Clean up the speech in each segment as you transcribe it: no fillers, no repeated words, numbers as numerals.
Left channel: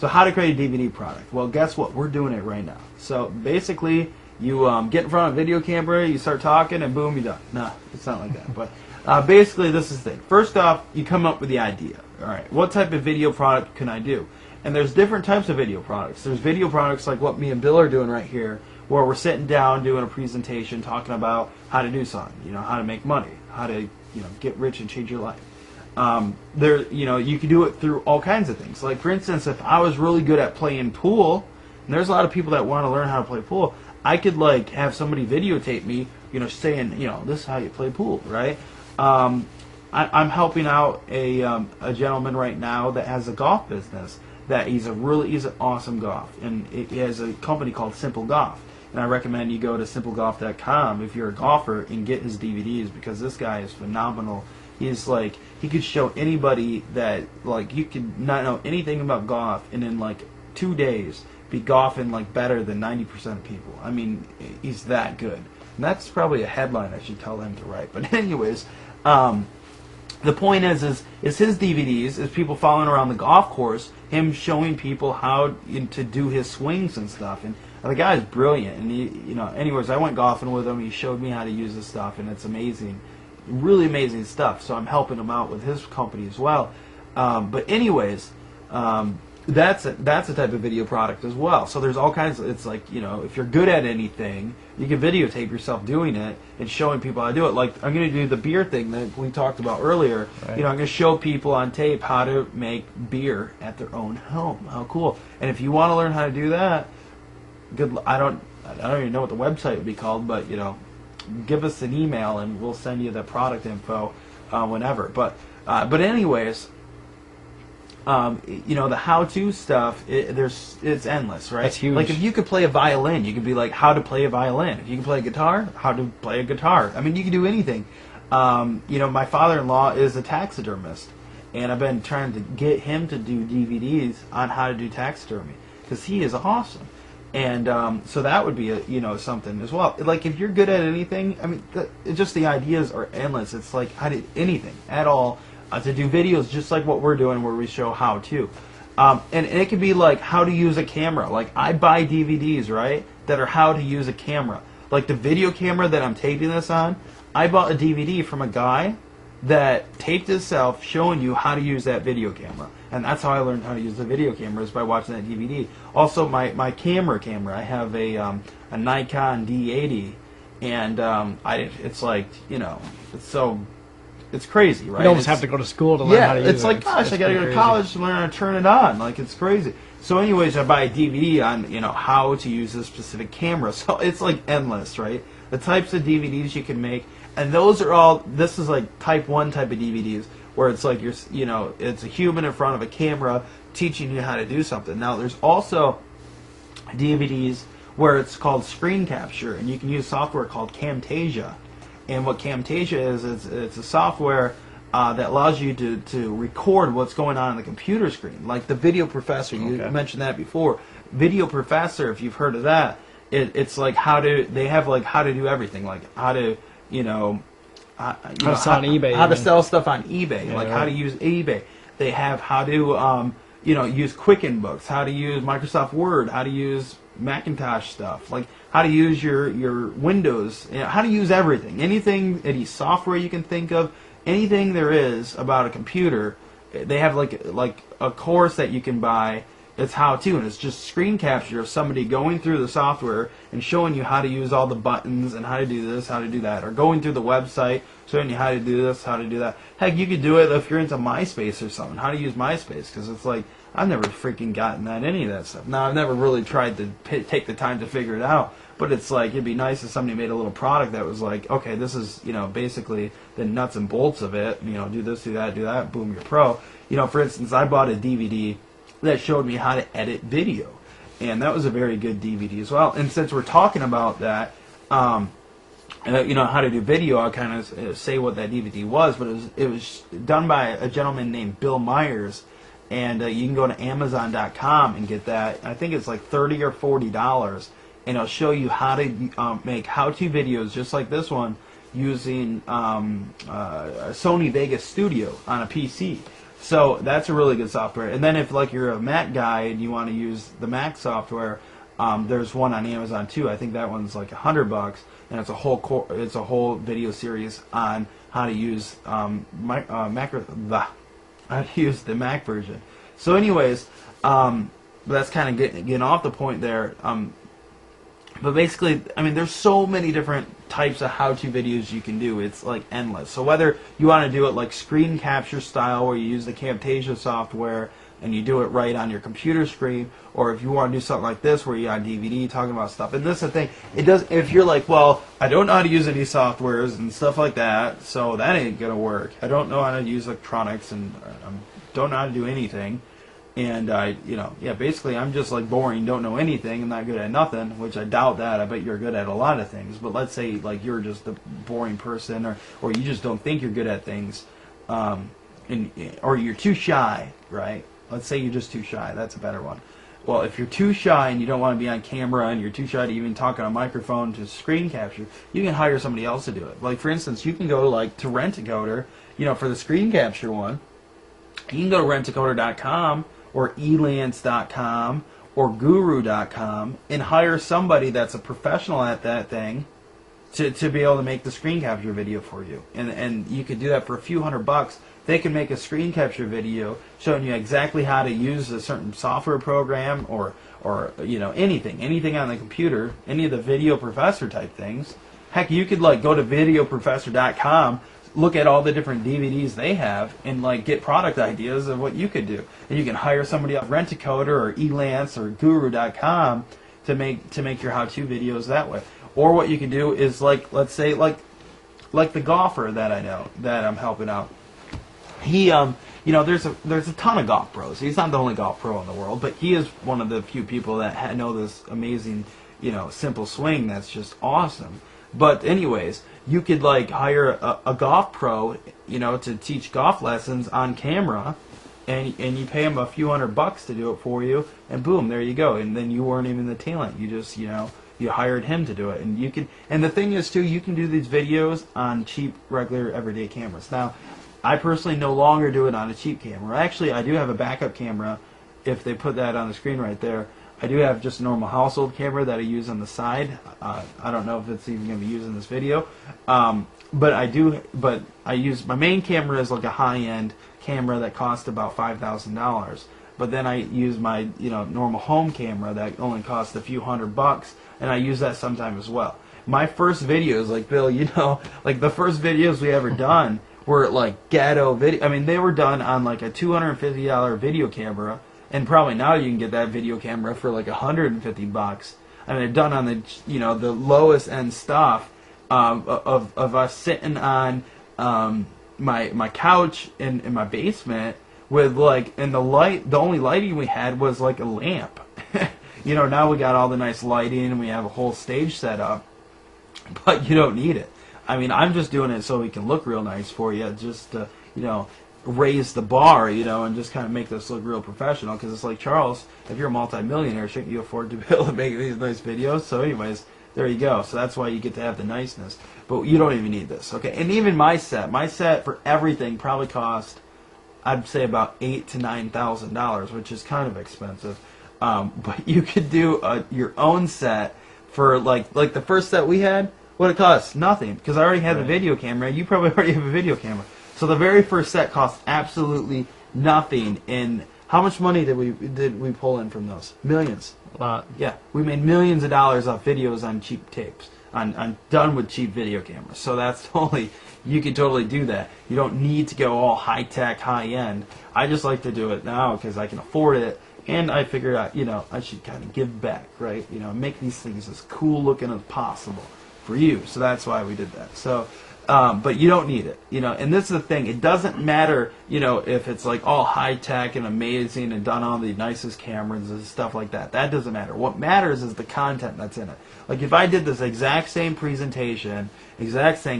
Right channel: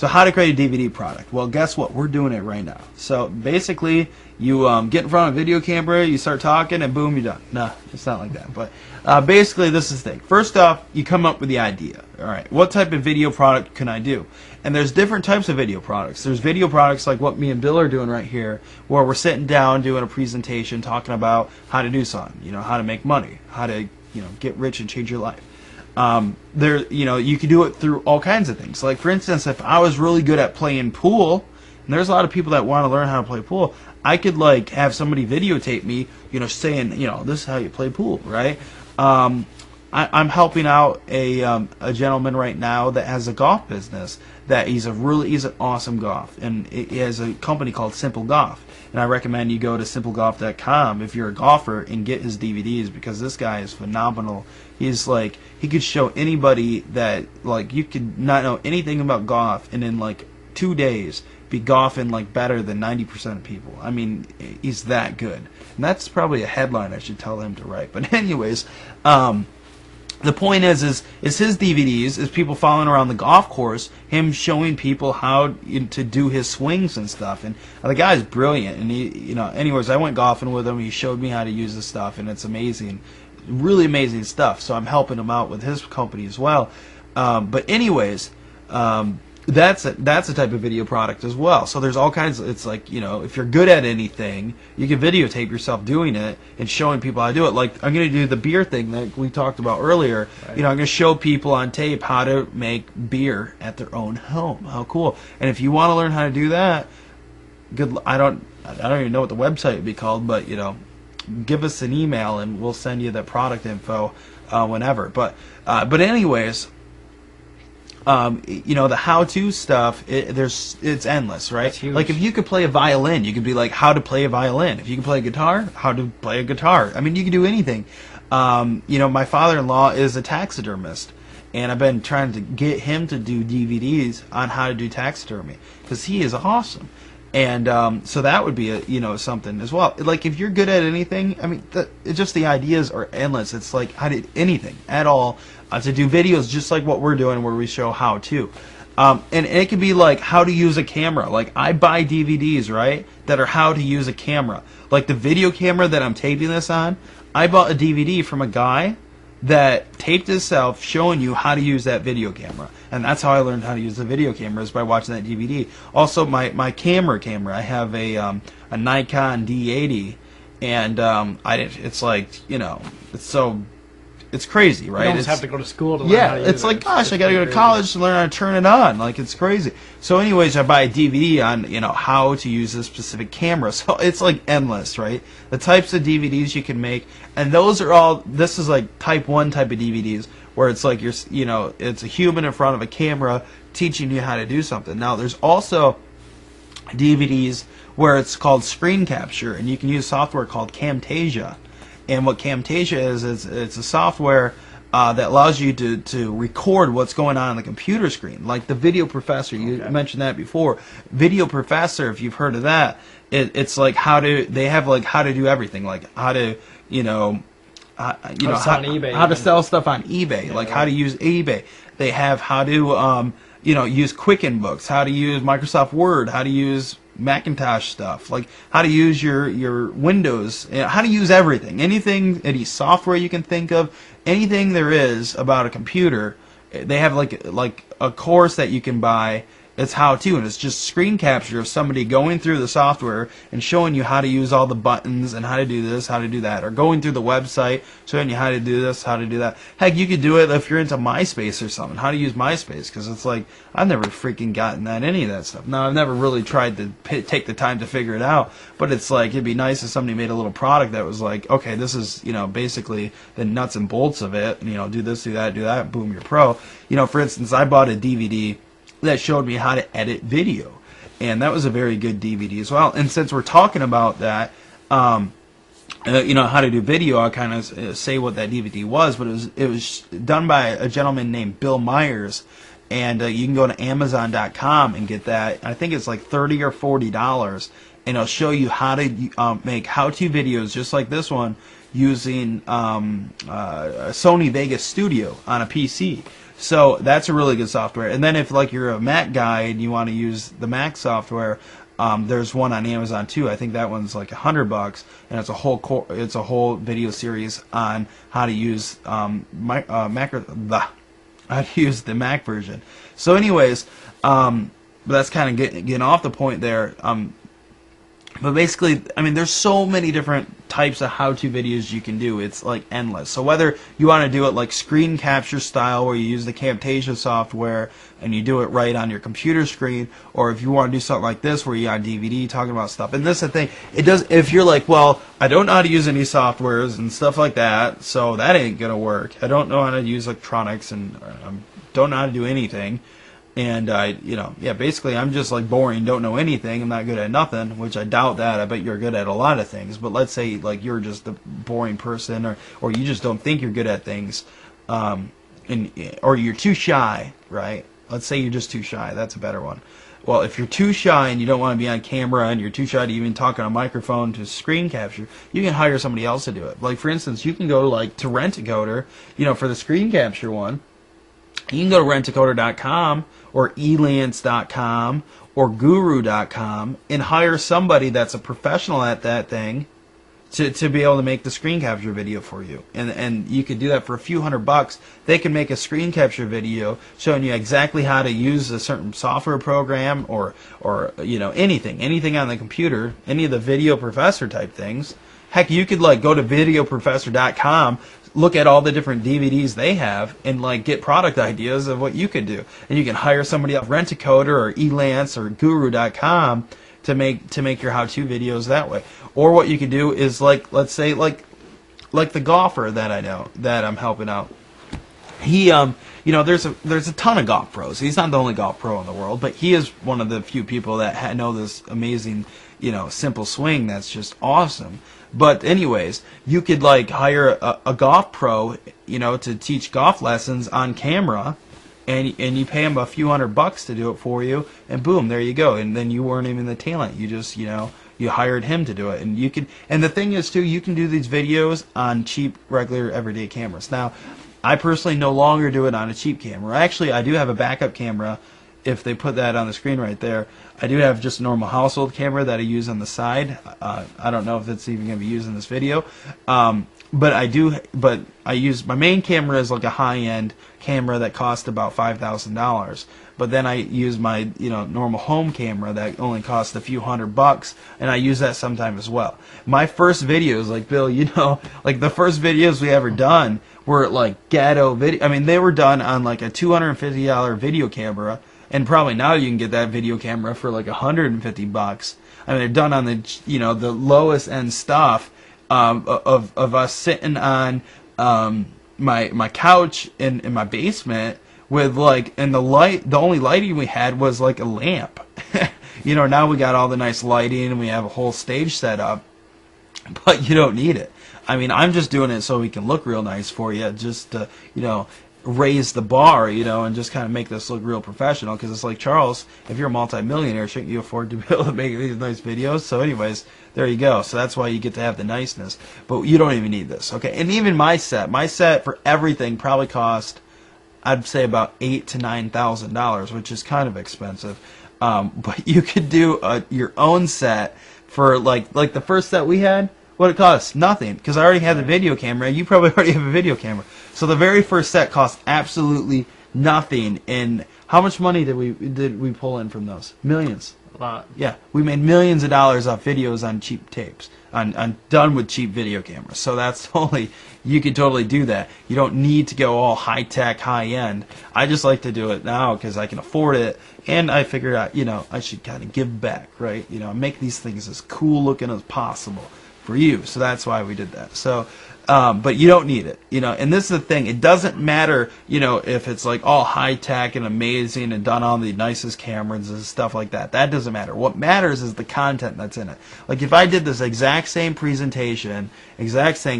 So how to create a DVD product? Well, guess what? We're doing it right now. So basically, you get in front of a video camera, you start talking, and boom, you're done. No, it's not like that. But basically, this is the thing. First off, you come up with the idea. All right, what type of video product can I do? And there's different types of video products. There's video products like what me and Bill are doing right here, where we're sitting down doing a presentation, talking about how to do something. You know, how to make money, how to get rich and change your life. You can do it through all kinds of things. Like, for instance, if I was really good at playing pool, and there's a lot of people that want to learn how to play pool, I could like have somebody videotape me, saying, this is how you play pool, right? I'm helping out a gentleman right now that has a golf business. That he's an awesome golf, and he has a company called Simple Golf. And I recommend you go to simplegolf.com if you're a golfer and get his DVDs, because this guy is phenomenal. He's like, he could show anybody that, like, you could not know anything about golf and in like 2 days be golfing like better than 90% of people. I mean, he's that good. And that's probably a headline I should tell him to write. But anyways, the point is his DVDs is people following around the golf course, him showing people how to do his swings and stuff. And the guy is brilliant. And he, anyways, I went golfing with him. He showed me how to use this stuff, and it's amazing, really amazing stuff. So I'm helping him out with his company as well. But anyways, that's a type of video product as well. So there's all kinds of, it's like, if you're good at anything, you can videotape yourself doing it and showing people how to do it. Like, I'm going to do the beer thing that we talked about earlier. Right. I'm going to show people on tape how to make beer at their own home. How cool. And if you want to learn how to do that, I don't even know what the website would be called, but give us an email and we'll send you the product info whenever. But anyways, the how-to stuff, it's endless, right? That's huge. Like, if you could play a violin, you could be like, how to play a violin. If you could play a guitar, how to play a guitar. I mean, you can do anything. My father-in-law is a taxidermist, and I've been trying to get him to do DVDs on how to do taxidermy, because he is awesome. And so that would be something as well. Like, if you're good at anything, I mean, just the ideas are endless. It's like, how to anything at all. To do videos just like what we're doing, where we show how to. And it could be like how to use a camera. Like, I buy DVDs, right, that are how to use a camera. Like the video camera that I'm taping this on, I bought a DVD from a guy that taped himself showing you how to use that video camera. And that's how I learned how to use the video camera, is by watching that DVD. Also, my camera, I have a Nikon D80, and it's like, it's so... It's crazy, right? You almost have to go to school to learn how to use it. It's like, gosh, I got to go to college to learn how to turn it on. Like, it's crazy. So anyways, I buy a DVD on, how to use this specific camera. So it's like endless, right? The types of DVDs you can make. And those are all, this is like type 1 type of DVDs, where it's like it's a human in front of a camera teaching you how to do something. Now, there's also DVDs where it's called screen capture, and you can use software called Camtasia. And what Camtasia is it's a software that allows you to record what's going on the computer screen. Like the Video Professor, you mentioned that before. Video Professor, if you've heard of that, it's like they have like how to do everything, like how to how to sell stuff on eBay, like how to use eBay. They have how to use Quicken Books, how to use Microsoft Word, how to use Macintosh stuff, like how to use your Windows, how to use everything, any software you can think of, anything there is about a computer. They have like a course that you can buy. It's how to, and it's just screen capture of somebody going through the software and showing you how to use all the buttons and how to do this, how to do that, or going through the website showing you how to do this, how to do that. Heck, you could do it if you're into MySpace or something, how to use MySpace, because it's like, I've never freaking gotten any of that stuff. Now, I've never really tried to take the time to figure it out, but it's like, it'd be nice if somebody made a little product that was like, okay, this is, basically the nuts and bolts of it, and, do this, do that, boom, you're pro. For instance, I bought a DVD that showed me how to edit video, and that was a very good DVD as well. And since we're talking about that, how to do video, I'll kind of say what that DVD was. But it was done by a gentleman named Bill Myers, and you can go to Amazon.com and get that. I think it's like $30 or $40, and it'll show you how to make how-to videos just like this one using a Sony Vegas Studio on a PC. So that's a really good software. And then if like you're a Mac guy and you want to use the Mac software, there's one on Amazon too. I think that one's like $100, and it's a whole video series on how to use how to use the Mac version. So anyways, but that's kind of getting off the point there. But basically, I mean, there's so many different types of how-to videos you can do. It's like endless. So whether you want to do it like screen capture style, where you use the Camtasia software and you do it right on your computer screen, or if you want to do something like this where you're on DVD talking about stuff. And this is the thing, it does. If you're like, well, I don't know how to use any softwares and stuff like that, so that ain't gonna work. I don't know how to use electronics and don't know how to do anything. And basically I'm just like boring, don't know anything, I'm not good at nothing, which I doubt that. I bet you're good at a lot of things. But let's say like you're just a boring person, or you just don't think you're good at things, or you're too shy, right? Let's say you're just too shy. That's a better one. Well, if you're too shy and you don't want to be on camera and you're too shy to even talk on a microphone to screen capture, you can hire somebody else to do it. Like for instance, you can go like to Rent-A-Coder, for the screen capture one. You can go to rentacoder.com or elance.com or guru.com and hire somebody that's a professional at that thing to be able to make the screen capture video for you. And you could do that for a few $100. They can make a screen capture video showing you exactly how to use a certain software program or anything on the computer, any of the Video Professor type things. Heck, you could like go to videoprofessor.com, look at all the different DVDs they have, and like get product ideas of what you could do. And you can hire somebody else, Rent-A-Coder or Elance or Guru.com to make your how-to videos that way. Or what you can do is like, let's say like the golfer that I know that I'm helping out. He there's a ton of golf pros. He's not the only golf pro in the world, but he is one of the few people that know this amazing simple swing that's just awesome. But anyways, you could like hire a golf pro, to teach golf lessons on camera, and you pay him a few $100 to do it for you, and boom, there you go. And then you weren't even the talent. You just, you hired him to do it. And you can, and the thing is too, you can do these videos on cheap, regular, everyday cameras. Now, I personally no longer do it on a cheap camera. Actually, I do have a backup camera. If they put that on the screen right there, I do have just a normal household camera that I use on the side. I don't know if it's even going to be used in this video, but I use my main camera is like a high-end camera that costs about $5,000. But then I use my normal home camera that only costs a few $100, and I use that sometimes as well. My first videos, like Bill, like the first videos we ever done were like ghetto video. I mean, they were done on like a $250 video camera. And probably now you can get that video camera for like $150. I mean, they're done on the the lowest end stuff of us sitting on my couch in my basement with like, and the only lighting we had was like a lamp. Now we got all the nice lighting and we have a whole stage set up, but you don't need it. I mean, I'm just doing it so we can look real nice for you, just to raise the bar, and just kind of make this look real professional. Because it's like, Charles, if you're a multi-millionaire, shouldn't you afford to be able to make these nice videos? So anyways, there you go. So that's why you get to have the niceness. But you don't even need this, okay? And even my set for everything probably cost, I'd say, about $8,000 to $9,000, which is kind of expensive. But you could do your own set for like the first set we had. What it cost? Nothing, because I already had the video camera. You probably already have a video camera. So the very first set cost absolutely nothing. And how much money did we pull in from those? Millions. A lot. Yeah, we made millions of dollars off videos on cheap tapes, on done with cheap video cameras. So that's you can totally do that. You don't need to go all high tech, high end. I just like to do it now because I can afford it, and I figured out I should kind of give back, right? Make these things as cool looking as possible for you. So that's why we did that. So. But you don't need it, and this is the thing, it doesn't matter, if it's like all high-tech and amazing and done on the nicest cameras and stuff like that. That doesn't matter. What matters is the content that's in it. Like if I did this exact same presentation,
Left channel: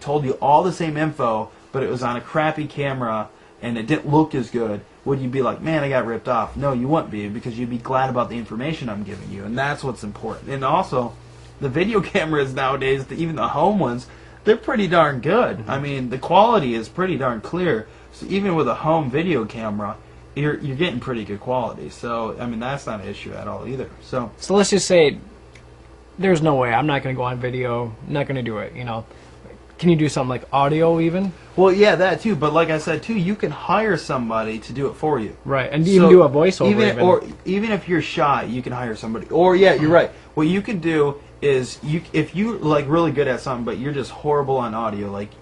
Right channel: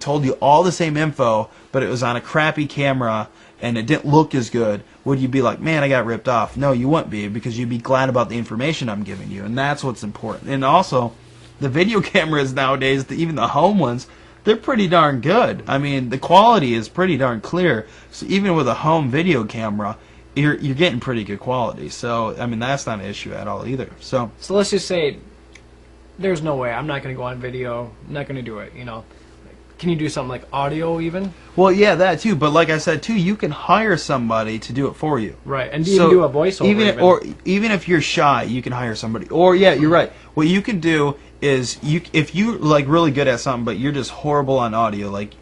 told you all the same info, but it was on a crappy camera and it didn't look as good, would you be like, man, I got ripped off? No, you wouldn't be, because you'd be glad about the information I'm giving you, and that's what's important. And also, the video cameras nowadays, even the home ones, they're pretty darn good. I mean, the quality is pretty darn clear. So even with a home video camera, you're getting pretty good quality. So I mean, that's not an issue at all either. So let's just say there's no way I'm not going to go on video. I'm not going to do it. You know, can you do something like audio even? Well, yeah, that too. But like I said too, you can hire somebody to do it for you. Right, and even do a voiceover. Even if you're shy, you can hire somebody. Or yeah, you're right. What you can do is if you like really good at something, but you're just horrible on audio. Like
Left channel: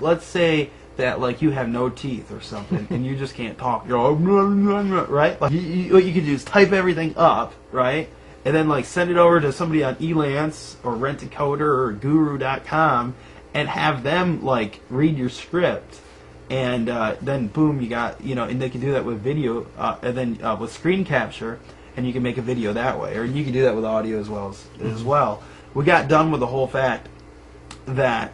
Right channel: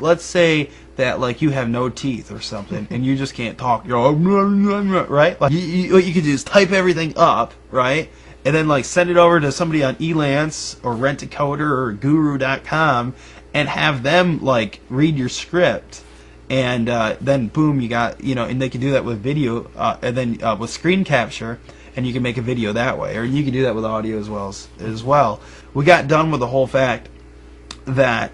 let's say that like you have no teeth or something, and you just can't talk. You're right. Like what you can do is type everything up, right? And then like send it over to somebody on Elance or Rent-A-Coder or Guru.com and have them like read your script, and then boom, you got, you know, and they can do that with video, and then with screen capture, and you can make a video that way, or you can do that with audio as well. We got done with the whole fact that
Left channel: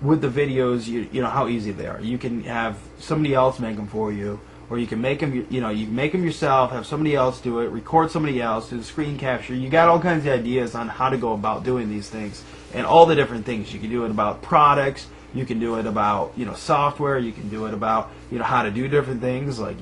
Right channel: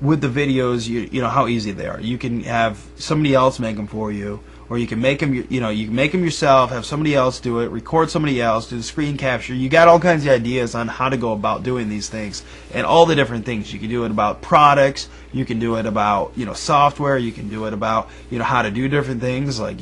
with the videos, you know how easy they are. You can have somebody else make them for you. Or you can make them, you know, you can make them yourself, have somebody else do it, record somebody else, do the screen capture. You got all kinds of ideas on how to go about doing these things, and all the different things. You can do it about products, you can do it about, you know, software, you can do it about, you know, how to do different things. Like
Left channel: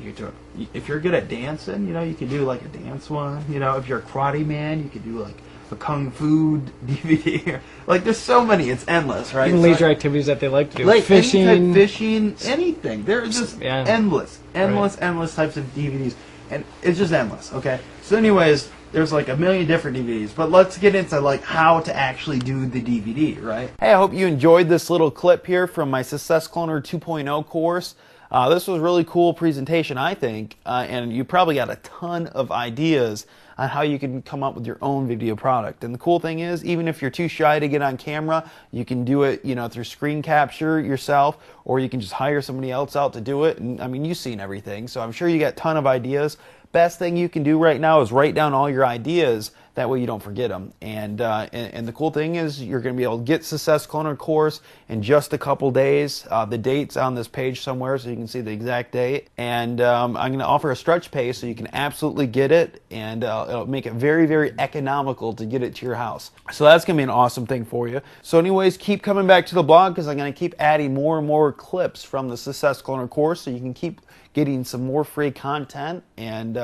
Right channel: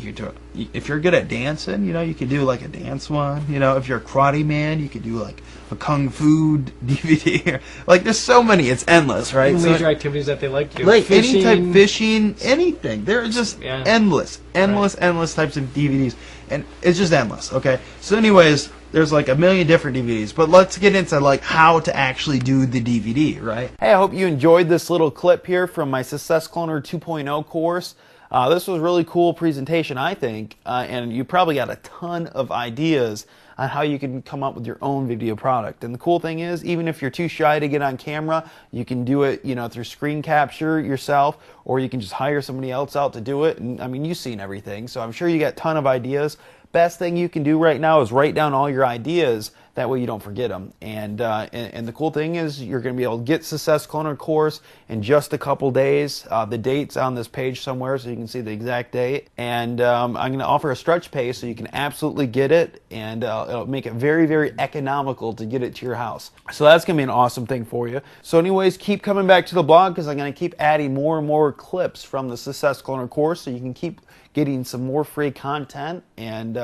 if you're good at dancing, you know, you can do like a dance one. You know, if you're a karate man, you can do like a kung fu DVD. Like there's so many, it's endless, right? Even leisure activities that they like to do. Like fishing, any type, fishing, anything. There are just endless types of DVDs, and it's just endless. Okay, so anyways, there's like a million different DVDs, but let's get into like how to actually do the DVD, right? Hey, I hope you enjoyed this little clip here from my Success Cloner 2.0 course. This was a really cool presentation, I think, and you probably got a ton of ideas on how you can come up with your own video product. And the cool thing is, even if you're too shy to get on camera, you can do it, you know, through screen capture yourself, or you can just hire somebody else out to do it. And I mean, you've seen everything, so I'm sure you got a ton of ideas. Best thing you can do right now is write down all your ideas. That way you don't forget them. And the cool thing is you're going to be able to get Success Cloner course in just a couple days. The date's on this page somewhere so you can see the exact date. And I'm going to offer a stretch pay so you can absolutely get it, and it'll make it very, very economical to get it to your house. So that's going to be an awesome thing for you. So anyways, keep coming back to the blog because I'm going to keep adding more and more clips from the Success Cloner course so you can keep getting some more free content. And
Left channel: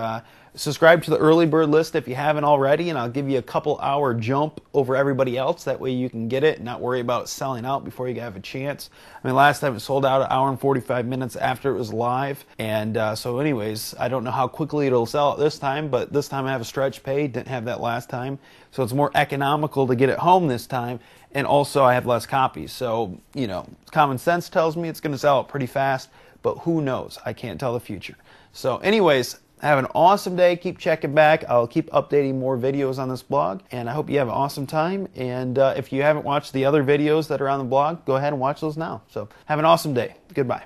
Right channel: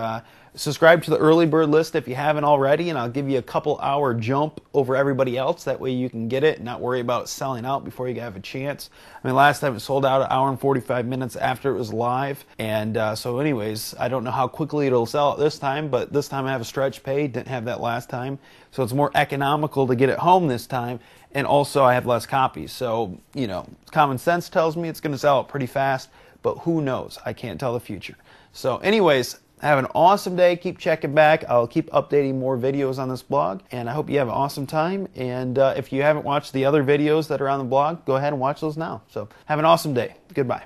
subscribe to the early bird list if you haven't already, and I'll give you a couple hour jump over everybody else. That way you can get it and not worry about it selling out before you have a chance. I mean, last time it sold out an hour and 45 minutes after it was live. And so anyways, I don't know how quickly it'll sell out this time, but this time I have a stretch pay. Didn't have that last time. So it's more economical to get it home this time. And also I have less copies. So, you know, common sense tells me it's going to sell out pretty fast, but who knows? I can't tell the future. So anyways, have an awesome day. Keep checking back. I'll keep updating more videos on this blog, and I hope you have an awesome time. And if you haven't watched the other videos that are on the blog, go ahead and watch those now. So have an awesome day. Goodbye.